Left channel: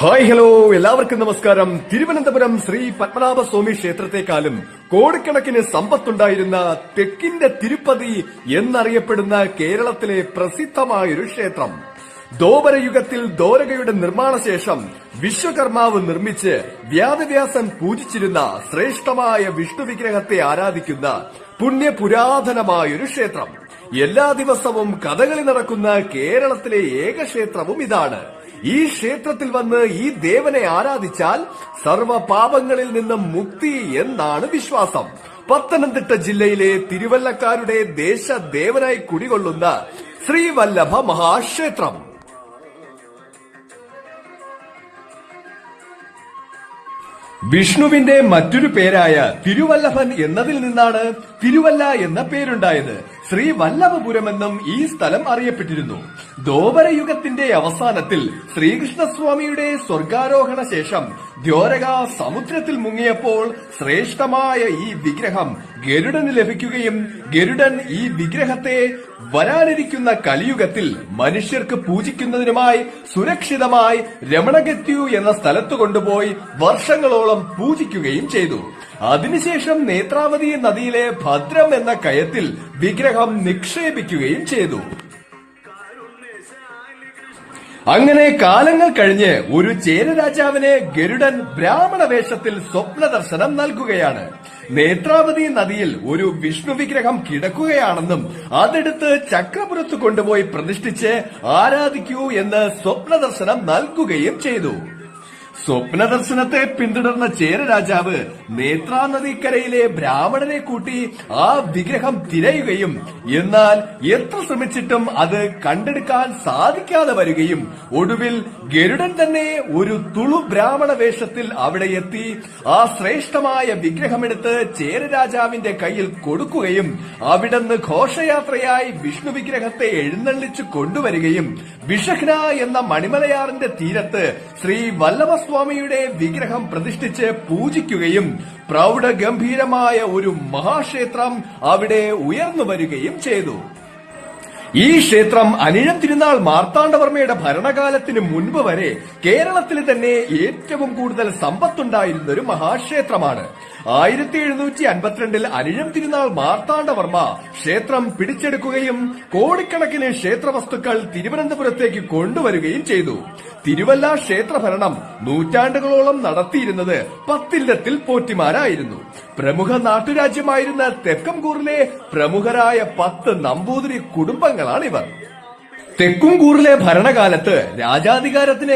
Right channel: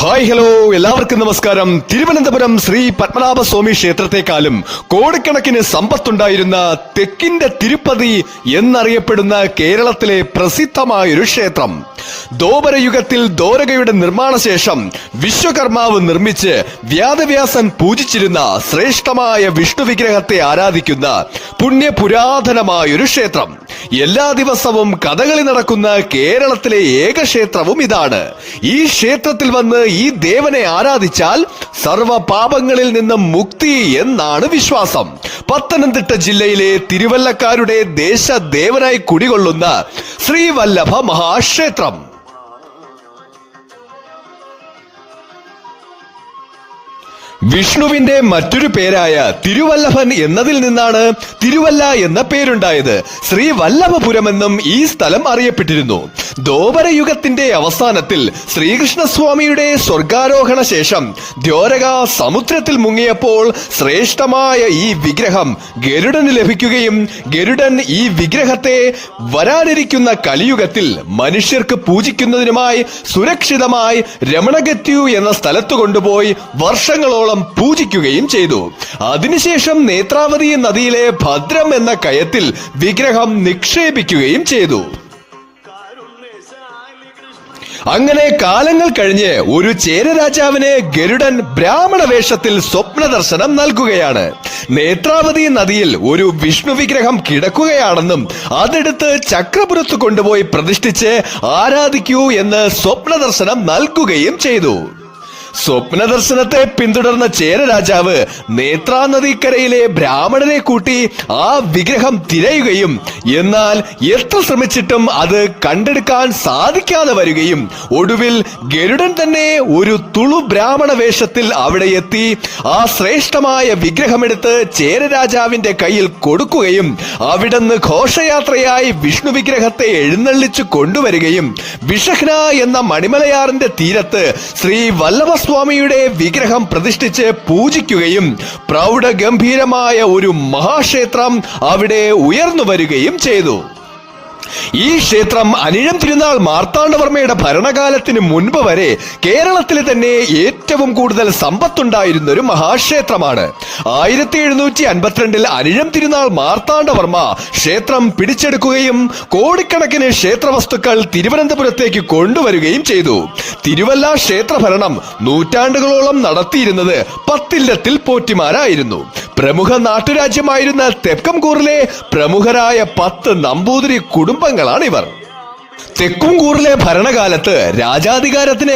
Hi hello എല്ലാവർക്കും നമസ്കാരം. തിരുവനന്തപുരം ശ്രീ പത്മനാഭസ്വാമി ക്ഷേത്രത്തെക്കാളും കോടിക്കണക്കിന് സമ്പത്തുണ്ടായിരുന്ന തെക്കിന്റെ തിരുപ്പതി എന്നറിയപ്പെടുന്ന കേരളത്തിലെ പ്രസിദ്ധമായൊരു ക്ഷേത്രം. ദ്വാപരയുഗത്തിൽ ദ്വാരകയുടെ നിർമ്മാണ ശേഷം വിശ്വകർമാവ് നിർമ്മിച്ച് വ്യാസവ്യാസൻ പൂജിച്ചിരുന്ന ശ്രേഷ്ഠമായ വിഷ്ണു വിഗ്രഹത്തെ ആരാധിക്കുന്ന പുണ്യപുരാതനമായൊരു ക്ഷേത്രം. എല്ലാ ദിവസവും കഥകളി നടക്കുന്ന കേരളത്തിലെ ഏക ക്ഷേത്രവും ഇതാണ്. ഈ ക്ഷേത്രത്തിൽ വന്ന് ഈ ദേവനെ ആരാധിച്ചാൽ സർവ പാപങ്ങളിൽ നിന്നും മുക്തി എന്നാണ് വിശ്വാസം. പത്തനംതിട്ട ജില്ലയിലെ തിരുവല്ലക്കാരുടെ ദേശദേവനായി കുടികൊള്ളുന്ന ശ്രീവല്ലഭ മഹാക്ഷേത്രം. വിഷ്ണുവിന്റെ മറ്റൊരു പേരായ തിരുവല്ലഭൻ എന്നതിൽ നിന്നാണ് തിരുവല്ല എന്ന പേരുണ്ടായത്. ശ്രീവല്ലഭപുരമെന്നും ഈ സ്ഥലം അറിയപ്പെട്ടിരുന്നു. ദ്വാപരയുഗത്തിന്റെ അവസാനത്തിൽ ശ്രീകൃഷ്ണസ്വാമിയുടെ സ്വർഗാരോഹണ ശേഷം ദ്വാരക സമുദ്രത്തിൽ മുങ്ങിയപ്പോൾ ശ്രേഷ്ഠമായ ഈ വിഗ്രഹം ഗരുഡന് ലഭിക്കുകയും ഗരുഡൻ ഈ വിഗ്രഹത്തെ വരാനിരിക്കുന്ന കലിയുഗത്തിൽ മനുഷ്യർക്ക് പൂജിക്കുന്നതിനുമായി സുരക്ഷിതമായി രമണഗത്യു എന്ന സ്ഥലത്ത് കൊണ്ടുപോയി വർഷങ്ങളോളം പൂജിക്കുകയും ചെയ്തു. അതിനുശേഷം നേത്രാവതി നദിയിലെ ഭദ്രം എന്ന കയത്തിൽ വിഗ്രഹം നിക്ഷേപിക്കുകയും ചെയ്തു. അങ്ങനെ കാലങ്ങൾ കഴിഞ്ഞ് ഒരു ചേരരാജാവിന് ഗരുഡൻ ബ്രാഹ്മണ വേഷത്തിൽ സ്വപ്ന ദർശനം നൽകുകയാണ്. നേത്രാവതി നദിയിൽ ഒരു വിഷ്ണു വിഗ്രഹം കിടക്കുകയാണെന്നും അതെടുത്ത് ചക്രപുരത്ത് കൊണ്ടുപോയി പ്രതിഷ്ഠിച്ച് ആരാധിക്കൂ എന്ന് സ്വപ്ന ദർശനം നൽകുകയും ചെയ്തു. സ്വപ്ന ദർശനത്തെ പിന്തുടർന്ന ചേരരാജാവ് നേത്രാ നദിക്കരയിലെ ബ്രാഹ്മണനെ കൂട്ടി ആ വിഗ്രഹം തിരയുകയും എന്നാൽ എത്ര ശ്രമിച്ചിട്ടും അത് കണ്ടെടുക്കാൻ സാധിക്കാതെ വരികയും ഒടുവിൽ ഗരുഡൻ തന്നെ ഒരു തുളു ബ്രാഹ്മണ വേഷത്തിൽ അവിടെ എത്തി ആ ശ്രേഷ്ഠമായ വിഗ്രഹമെടുത്ത് ചേരരാജാവിന്റെ കയ്യിൽ കൊടുക്കുകയും അവിടുന്ന് ഘോഷയാത്രയായി വിഷ്ണു വിഗ്രഹത്തെ എഴുന്നള്ളിച്ചു കൊണ്ടുവരികയും വിഷഹ്ന എന്ന മണിമലയാറിന്റെ തീരത്ത് ശ്രീ വല്ലഭസ്വാമിയുടെ വിഗ്രഹം പ്രതിഷ്ഠിച്ച് പൂജിക്കുകയും പ്രൗഢഗംഭീരമായ ഒരു മഹാക്ഷേത്രം അവിടെ ഉയർന്നു വരികയും ചെയ്തു. ഈ ക്ഷേത്രം അനിഴം തിരുനാൾ മാർത്താണ്ഡവർമ്മയുടെ ഭരണകാലത്തിന് മുൻപ് വരെ കേരളത്തിലെ തന്നെ ഏറ്റവും കൂടുതൽ സമ്പത്തുണ്ടായിരുന്ന ഒരു മഹാക്ഷേത്രമാണ്. 1752 അനിഴം തിരുനാൾ മാർത്താണ്ഡവർമ്മ ക്ഷേത്രം പിടിച്ചെടുക്കുകയും കോടിക്കണക്കിന് ക്ഷേത്രവസ്തുക്കൾ തിരുവനന്തപുരത്തേക്ക് കൊണ്ടുവരികയും ചെയ്തു. തിരുവല്ല ക്ഷേത്രഭരണം നൂറ്റാണ്ടുകളോളം നടത്തിയിരുന്നത് പത്തില്ലത്തിൽ പോറ്റിമാരായിരുന്നു. പ്രമുഖ നാട്ടുരാജ്യമായിരുന്ന തെക്കംകൂറിലെ പ്രമുഖരായ 10 നമ്പൂതിരി കുടുംബങ്ങളാണ് ഇവർ. തെക്കുംകൂറിലെ ഭരണകാലത്ത് രാജാധികാരത്തിന്